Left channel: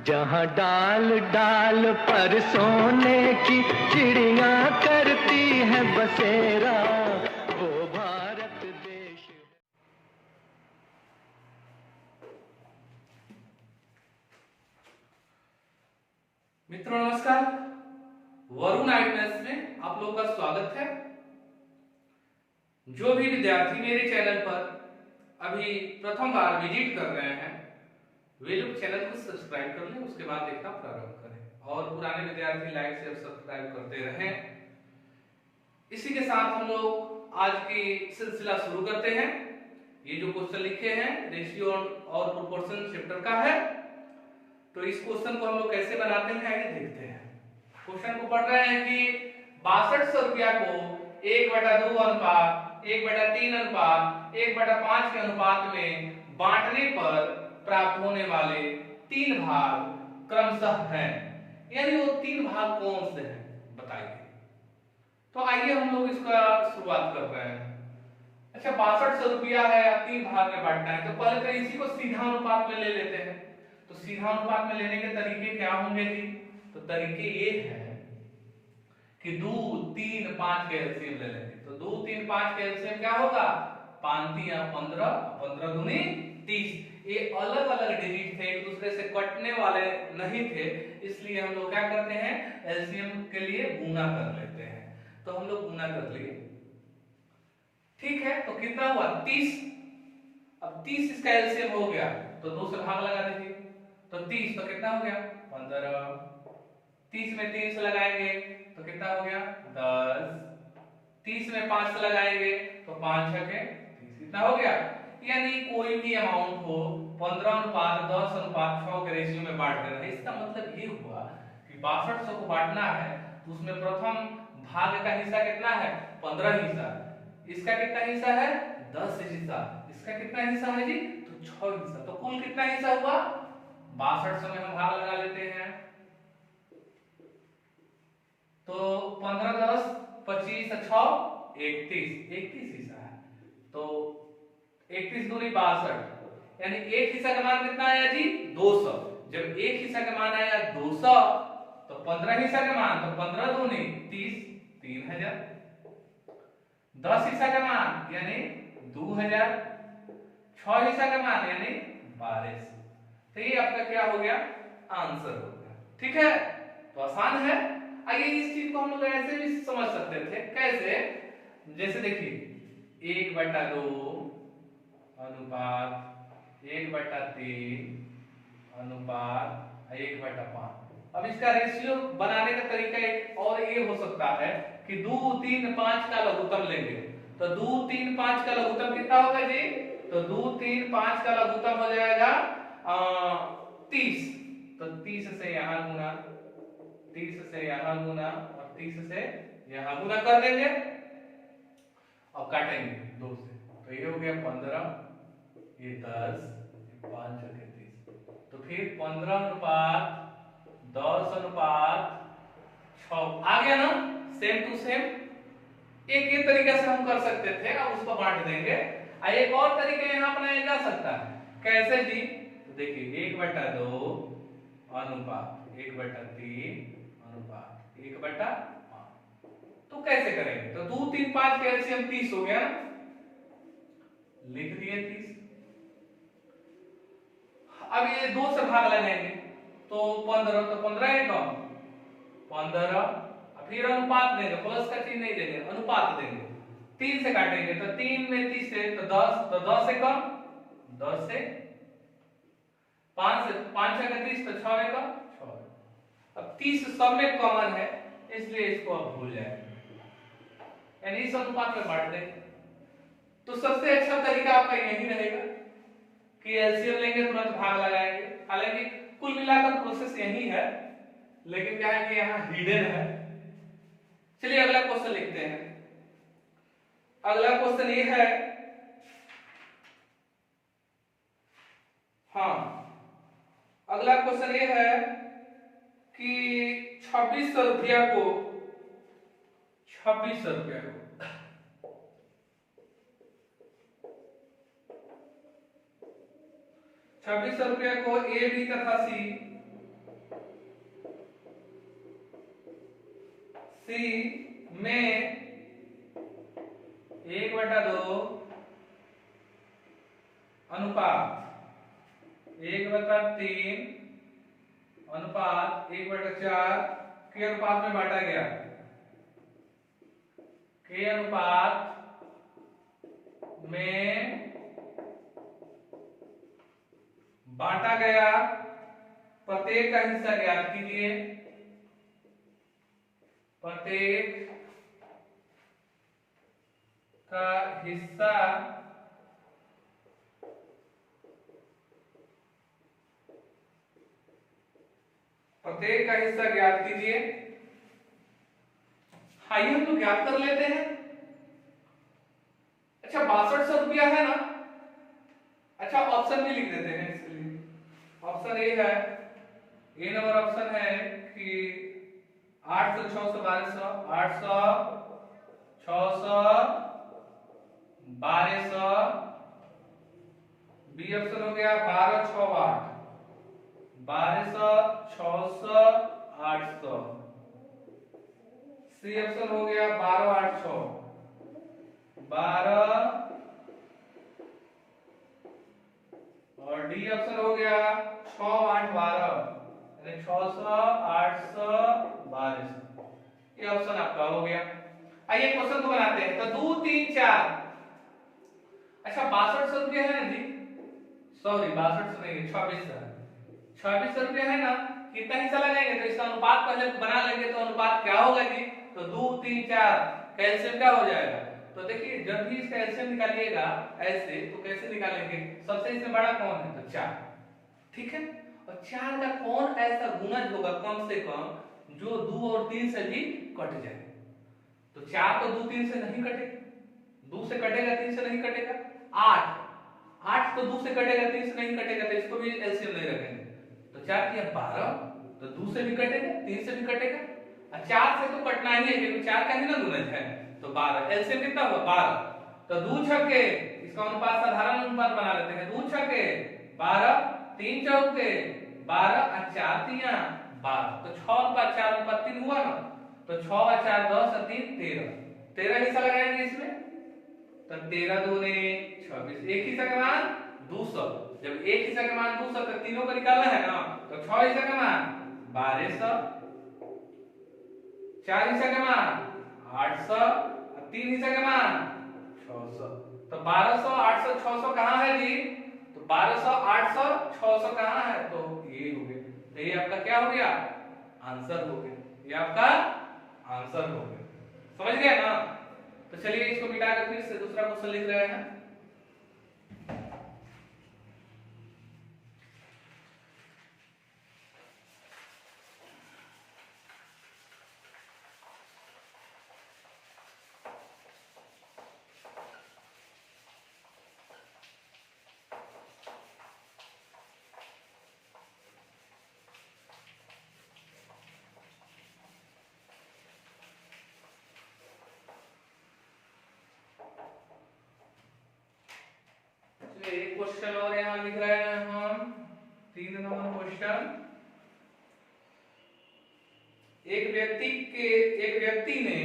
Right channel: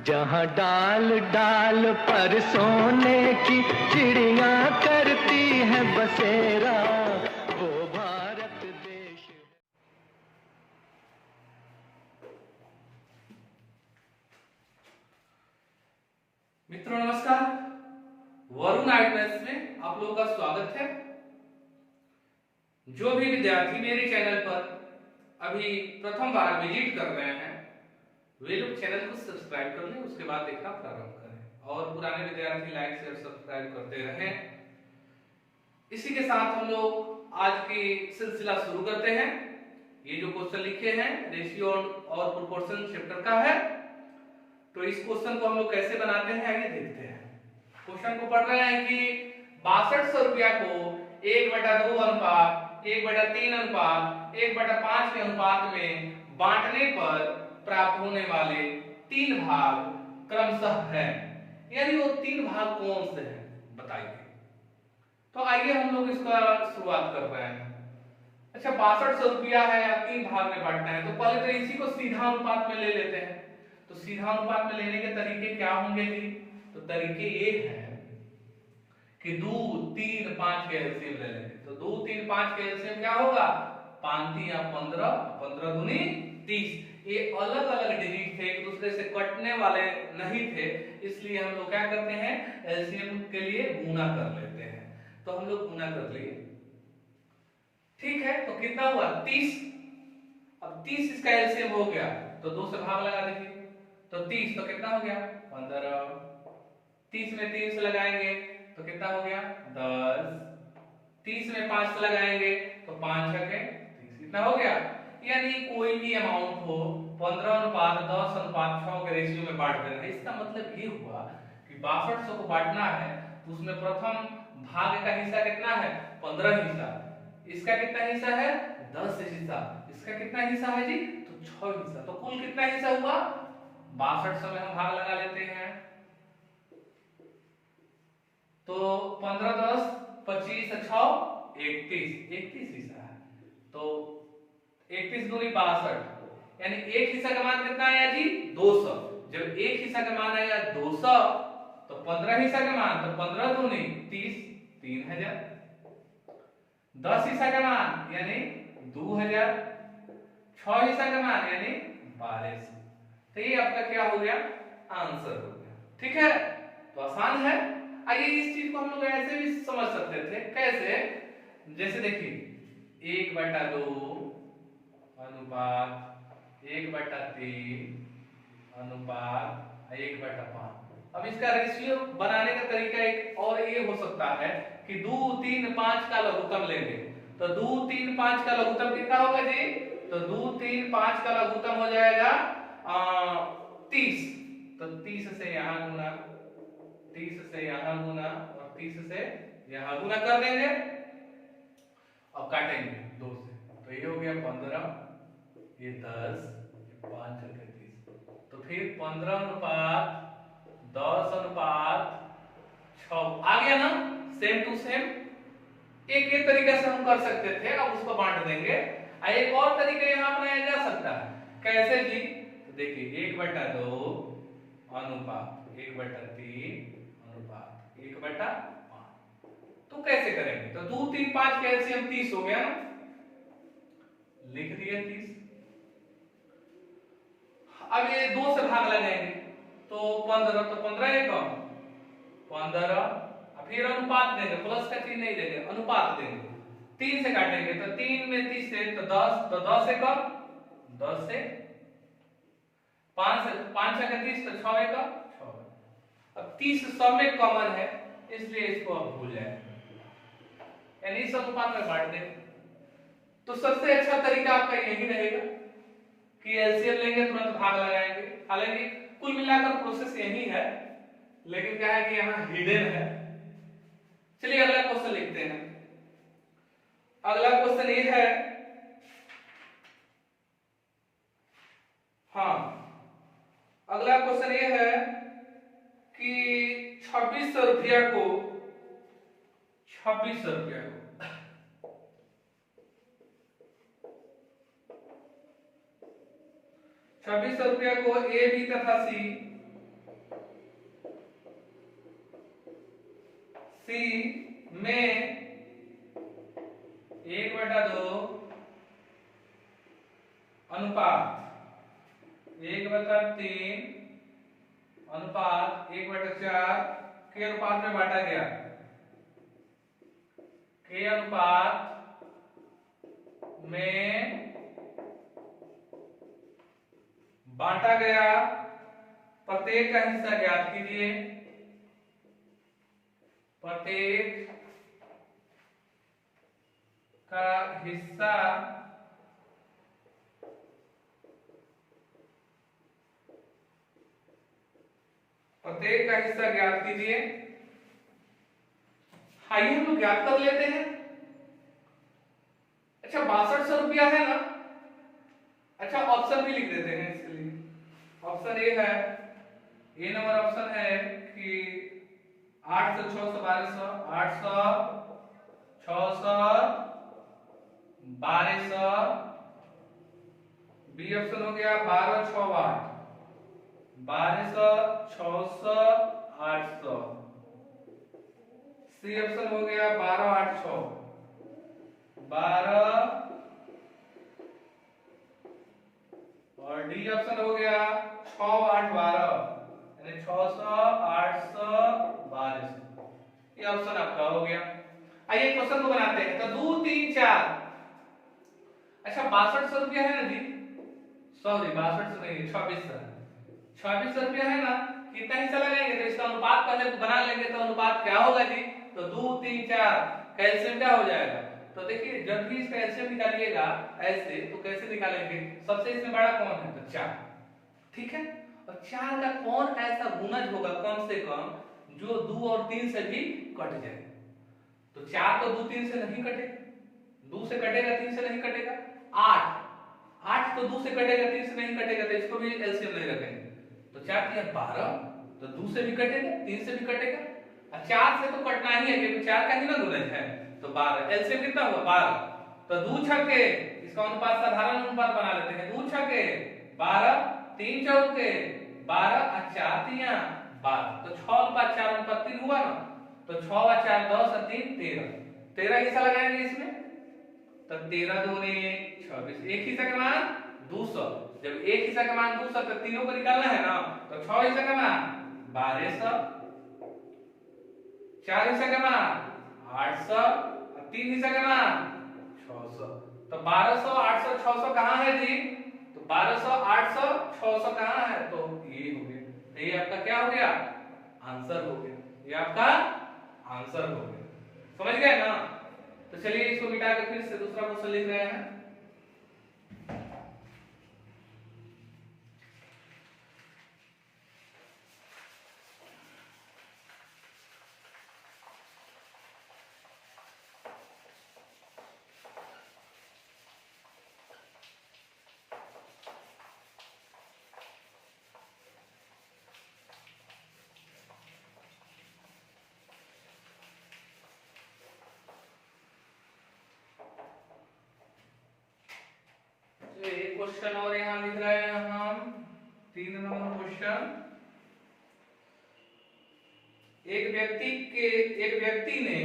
जहाँ डाल डाल पर सोने की चिड़िया करती है बसेरा, वो भारत देश है। मित्रों नमस्कार, वरुण आईएएस में आप लोगों का स्वागत है। जो भी विद्यार्थी मेरे चैनल पर अभी प्रथम बार विजिट कर रहे हैं वे लोग चैनल को सब्सक्राइब कर लें, उसके बाद देखना प्रारंभ करें और पुराने विद्यार्थी लाइक शेयर सब्सक्राइब करते रहें। इसी के साथ हम लोग आज की सिलसिला शुरू करते हैं। ये जो क्वेश्चन लिखे हैं रेशियो और प्रोपोर्शन चैप्टर का है, तो इस क्वेश्चन को हम लोग कैसे बनाते हैं आइए देखते हैं। क्वेश्चन को पढ़ रहे हैं कि 6200 रुपया को 1/2 अनुपात 1/3 अनुपात 1/5 के अनुपात में बांटने पर प्राप्त होने वाले 3 भाग क्रमशः हैं, यानी वो 3 भाग कौन से हैं बताइए। तो आइए हम लोग इसका शुरुआत कर रहे हैं। अच्छा 6200 रुपया है या 3 भाग में बांटना है, तो पहले तो इसी को सीधा अनुपात में ले लेते हैं। तो सीधा अनुपात में लेने के तरीके क्या होंगे जी? तो तरीके ये हैं कि 2 3 5 के एलसीएम ले लेंगे। तो 2 3 5 के एलसीएम क्या होगा? 5 3 15 15 दूनी 30। ये अलग अलग डिजिट थे, एक दूसरे से कटने वाले नहीं थे, इसलिए हम लोग क्या करते हैं एलसीएम के लिए गुना कर लेते हैं। तो हम लोग गुना कर लिए, ठीक है। तो कितना हुआ? 30। अब 30 इसका एलसीएम हो गया तो 2 से भाग लगा दीजिए, तो 30 तो कितना हो गया? 15। 30 में 3 से लगाएंगे तो कितना हो गया? 10। 30 में 5 से लगाएंगे तो 5 6 के 30, कितना हो गया? यानी कोई भी अमाउंट हो 15:10:6 के रेशियो में बांट देना। इसका मतलब ये हुआ कि 6200 को बांटना है तो उसमें प्रथम भाग का हिस्सा कितना है? 15 हिस्सा। इसका कितना हिस्सा है? 10 हिस्सा। इसका कितना हिस्सा है जी? तो 6 हिस्सा। तो कुल कितना हिस्सा हुआ? 6200 में हम भाग लगा लेते हैं तो 15 10 25 6 31 हिस्सा है। तो 31 दूनी 62, यानी एक हिस्सा का मान कितना आया जी? 200। जब एक हिस्सा का मान आया 200 तो 15 हिस्सा का मान, तो 15 दूनी 30 3000। 10 हिस्सा का मान यानी 2000। 6 हिस्सा का मान यानी 1200। तो ये आपका क्या हो गया? आंसर हो गया, ठीक है। तो आसान है। आइए इस चीज को हम लोग ऐसे भी समझ सकते थे, कैसे? जैसे देखिए 1/2 अनुपात 1/3 अनुपात 1/5। अब इसका रेशियो बनाने का तरीका एक और ये हो सकता है कि 2 3 5 का लघुत्तम लेंगे। तो 2 3 5 का लघुत्तम कितना होगा जी? तो 2 3 5 का लघुत्तम हो जाएगा 30। तो 30 से यहां गुना, 30 से यहां गुना और 30 से यहां गुना कर देंगे और काटेंगे 2 से। तो ये हो गया 15, ये 10, ये 5 के 30। तो फिर 15 अनुपात 10 अनुपात 6 आ गया ना, सेम टू सेम। एक ये तरीके से हम कर सकते थे, अब उसको बांट देंगे। एक और तरीका यहां अपनाया जा सकता है, कैसे जी? तो देखिए 1/2 अनुपात 1/3 अनुपात 1/5। तो कैसे करेंगे? तो 2 3 5 के एलसीएम 30 हो गया ना, लिख दिए 30। अब ये 2 से भाग लगाएंगे तो 15, तो 15 है कम 15, फिर अनुपात देंगे, प्लस का चिन्ह नहीं देंगे, अनुपात देंगे। 3 से काटेंगे तो 3 में 30 से तो 10, तो 10 से कम 10 से 5 से 5 6 का 30 तो 6 है कम 6। अब 30 सब में कॉमन है इसलिए इसको आप भूल जाए, यानी इस अनुपात में बांट देंगे। तो सबसे अच्छा तरीका आपका यही रहेगा कि एलसीएम लेंगे तुरंत भाग लगाएंगे। हालांकि कुल मिलाकर प्रोसेस यही है, लेकिन क्या है कि यहाँ हिडन है। चलिए अगला क्वेश्चन लिखते हैं। अगला क्वेश्चन ये है, हाँ अगला क्वेश्चन ये है कि 2600 रुपया को 2600 रुपया को 2600 रुपया को ए बी तथा सी सी में 1/2 अनुपात 1/3 अनुपात 1/4 के अनुपात में बांटा गया। के अनुपात में बांटा गया प्रत्येक का हिस्सा ज्ञात कीजिए। प्रत्येक का हिस्सा ज्ञात कीजिए। आइए हम लोग ज्ञात कर लेते हैं। अच्छा 6200 रुपया है ना। अच्छा ऑप्शन भी लिख देते हैं इसके लिए। ऑप्शन ए है, ए नंबर ऑप्शन है कि 800 600 1200 800 600 1200। बी ऑप्शन हो गया 12 6 8 1200 600 800। सी ऑप्शन हो गया 12 8 6 12 और डी ऑप्शन हो गया 6 8 12 यानी 600 800 1200। ये ऑप्शन आपका हो गया। आइए क्वेश्चन को बनाते हैं। तो 2 3 4। अच्छा 6200 रुपया है ना जी, सॉरी 6200 नहीं 2600 रुपया है ना। कितना हिस्सा लगाएंगे तो इसका अनुपात पहले बना लेंगे। तो अनुपात क्या होगा जी, तो 2 3 4 कैल्शियम क्या हो जाएगा। तो देखिए जब भी इसका एलसीएम निकालिएगा ऐसे तो कैसे निकालेंगे, सबसे इसमें बड़ा कौन है तो 4, ठीक है। और 4 का कौन ऐसा गुणज होगा कम से कम जो 2 और 3 से भी कट जाए। तो 4 तो 2 3 से नहीं कटेगा, 2 से कटेगा 3 से नहीं कटेगा। 8 तो 2 से कटेगा 3 से नहीं कटेगा, तो इसको भी एलसीएम ले रखेंगे। तो 4 किया 12, तो 2 से भी कटेगा 3 से भी कटेगा। 4 से तो कटना ही है क्योंकि 4 का ही ना गुणज है। तो 12 एलसीएम कितना हुआ 12। तो 2 छक्के इसका अनुपात साधारण अनुपात बना लेते हैं। 2 छक्के 12 3 चौके 12 और 4 तिया 12। तो 6 अनुपात 4 अनुपात 3 हुआ ना। तो 6 और 4 10 और 3 13। 13 हिस्सा लगाएंगे इसमें। तो 13 दूने 26। एक हिस्सा का मान 200। जब एक हिस्सा का मान 200 तो तीनों को निकालना है ना। तो 6 हिस्सा का मान 1200, 4 हिस्सा का मान 800 और 3 हिस्सा का मान 600। तो 1200 800 600 कहां है जी, तो 1200 800 600 कहां है, तो ये हो गया। तो ये आपका क्या हो गया, आंसर हो गया। ये आपका आंसर हो गया, समझ गए ना। तो चलिए इसको मिटाकर फिर से दूसरा क्वेश्चन लिख रहे हैं। एक क्वेश्चन और यहां लिख रहे हैं हम, 3 नंबर क्वेश्चन। एक व्यक्ति ने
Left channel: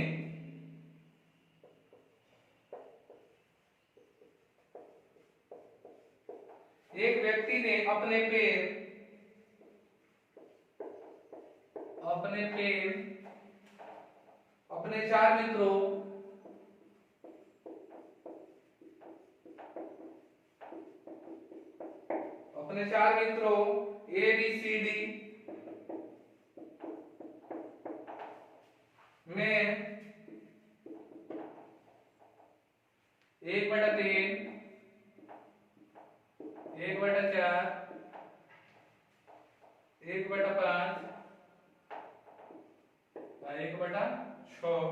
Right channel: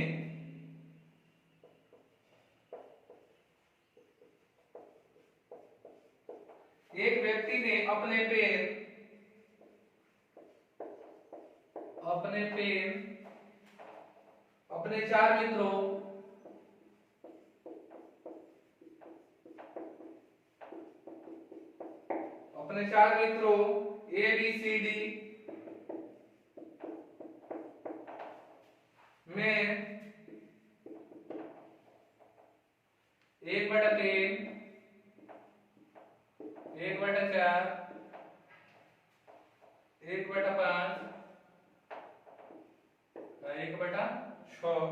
अपने 4 मित्रों ए बी सी डी में 1/3 1/4 1/5 1/6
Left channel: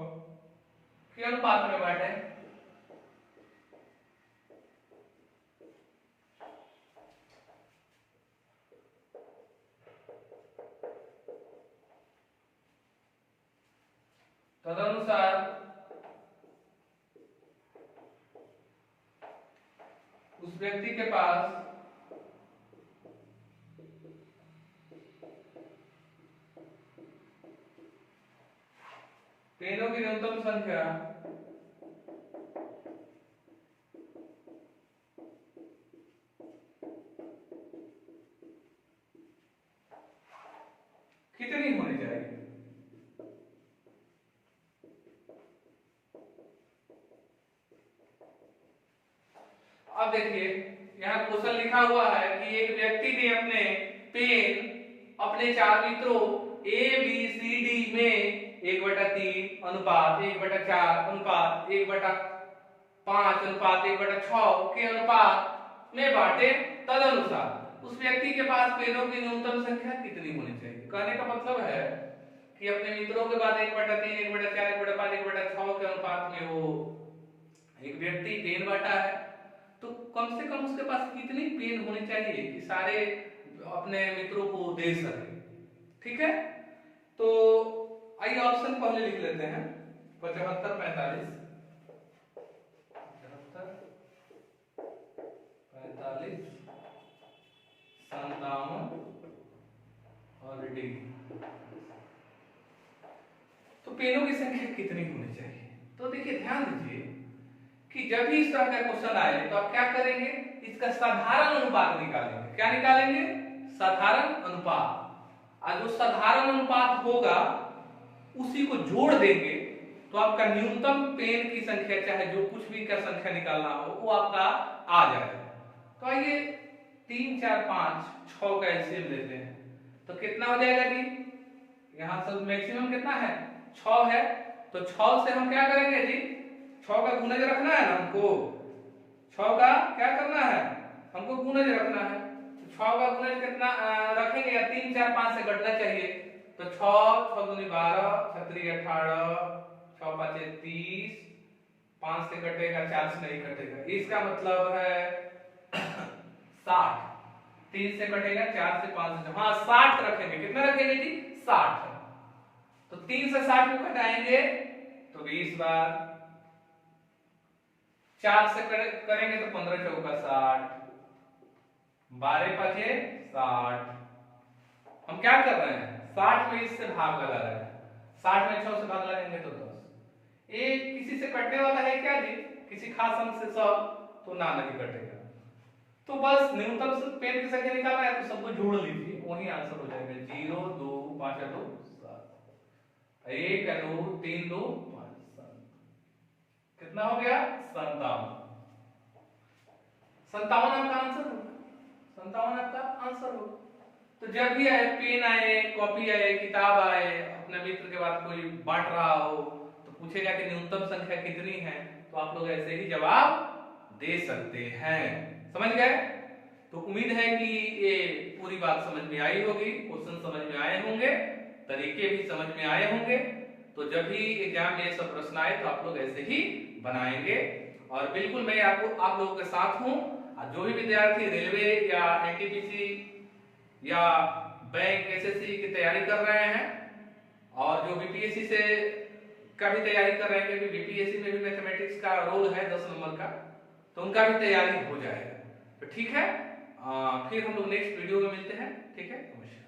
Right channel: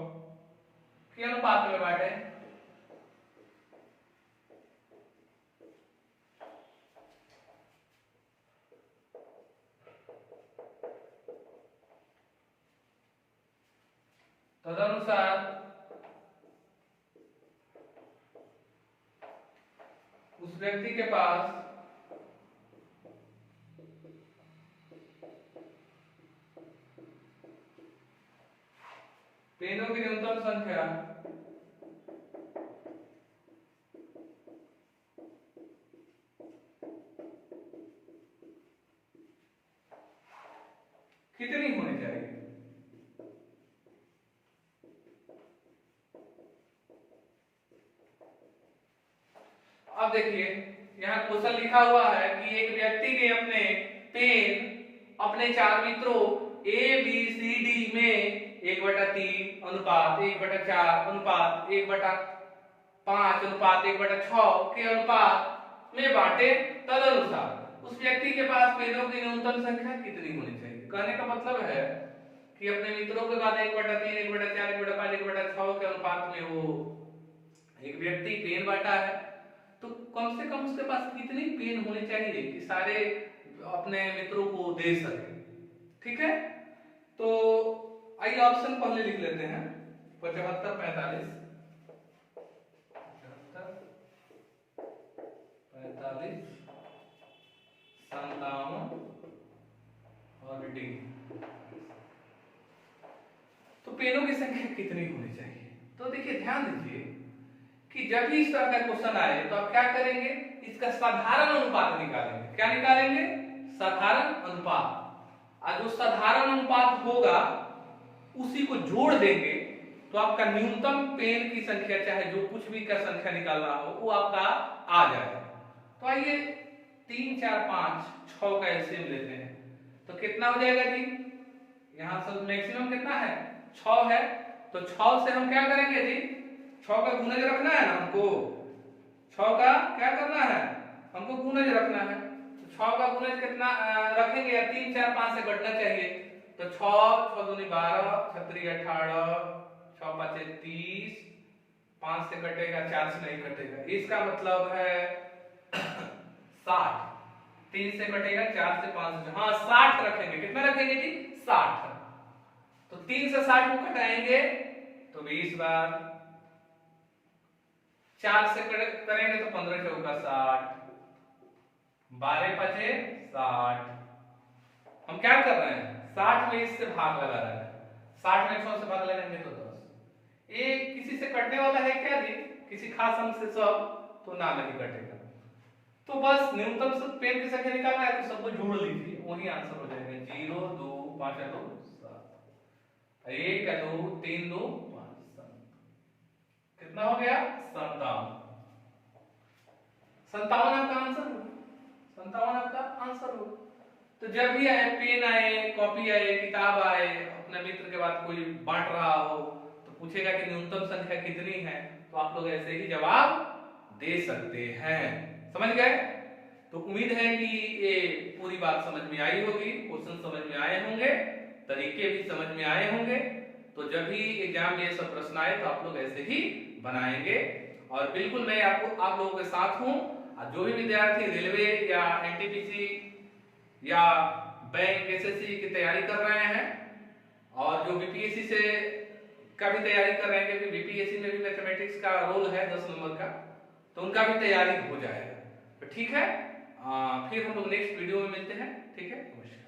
के अनुपात में बांटे। तदनुसार उस व्यक्ति के पास पेनों की न्यूनतम संख्या कितनी होनी चाहिए? अब देखिए यहाँ क्वेश्चन लिखा हुआ है कि एक व्यक्ति ने अपने पेन अपने 4 मित्रों ए बी सी डी में 1/3 अनुपात 1/4 अनुपात 1/5 अनुपात 1/6 के अनुपात में बांटे। तदनुसार उस व्यक्ति के पास पेनों की न्यूनतम संख्या कितनी होनी चाहिए? कहने का मतलब है कि अपने मित्रों के बाद 1/3 1/4 1/5 1/6 के अनुपात में वो एक व्यक्ति पेन बांटा है, तो कम से कम उसके पास कितनी पेन होनी चाहिए कि सारे अपने मित्रों को दे सके। ठीक है, तो आइए ऑप्शन पहले लिख लेते हैं। 75 45 57 और डी। तो पेनों की संख्या कितनी होनी चाहिए? तो देखिए ध्यान दीजिए कि जब भी इस तरह का क्वेश्चन आए तो आप क्या करेंगे, इसका साधारण अनुपात निकालेंगे। क्या निकालेंगे? साधारण अनुपात। और जो साधारण अनुपात होगा उसी को जोड़ देंगे तो आपका न्यूनतम पेन की संख्या, चाहे जो कुछ भी का संख्या निकालना हो, वो आपका आ जाएगा। तो आइए 3 4 5 6 का एलसीएम लेते हैं तो कितना हो जाएगा जी? यहाँ सब मैक्सिमम कितना है? 6 है। तो 6 से हम क्या करेंगे जी? 6 का गुणज रखना है ना हमको। 6 का क्या करना है? हमको गुणज रखना है। तो 6 का गुणज कितना रखेंगे? 3 4 5 से घटना चाहिए। तो 6 6 दूनी 12 6 3 18 6 5 30 5 से कटेगा, 4 से नहीं कटेगा। इसका मतलब है 60। 3 से कटेगा, 4 से 5 से, हाँ 60 रखेंगे। कितना रखेंगे जी? 60। तो 3 से 60 को घटाएंगे तो 20 बार, 4 से करेंगे तो 15 चौका 60, 12 पचे 60। हम क्या कर रहे हैं? 60 में इससे भाग लगा रहे हैं। 60 में 6 से भाग लगाएंगे तो 10। ये किसी से कटने वाला है क्या जी? किसी खास अंक से सब तो ना नहीं कटेगा। तो बस न्यूनतम पेन की संख्या निकालना है तो सबको जोड़ लीजिए, वही आंसर हो जाएगा। 0 2 5 2 7 1 2 3 2 5 7। कितना हो गया? 57। 57 आपका आंसर हो। 57 आपका आंसर हो। तो जब भी आए, पेन आए, कॉपी आए, किताब आए, अपने मित्र के बाद कोई बांट रहा हो तो पूछेगा कि न्यूनतम संख्या कितनी है, तो आप लोग ऐसे ही जवाब दे सकते हैं। समझ गए? तो उम्मीद है कि ये पूरी बात समझ में आई होगी, क्वेश्चन समझ में आए होंगे, तरीके भी समझ में आए होंगे। तो जब भी एग्जाम में ये सब प्रश्न आए तो आप लोग ऐसे ही बनाएंगे। और बिल्कुल मैं आप लोगों के साथ हूं। जो भी विद्यार्थी रेलवे या एनटीपीसी या बैंक एसएससी की तैयारी कर रहे हैं और जो बीपीएससी से का भी तैयारी कर रहे हैं, क्योंकि बीपीएससी में भी मैथमेटिक्स का रोल है 10 नंबर का, तो उनका भी तैयारी हो जाएगा। तो ठीक है, फिर हम लोग नेक्स्ट वीडियो में मिलते हैं। ठीक है, नमस्कार।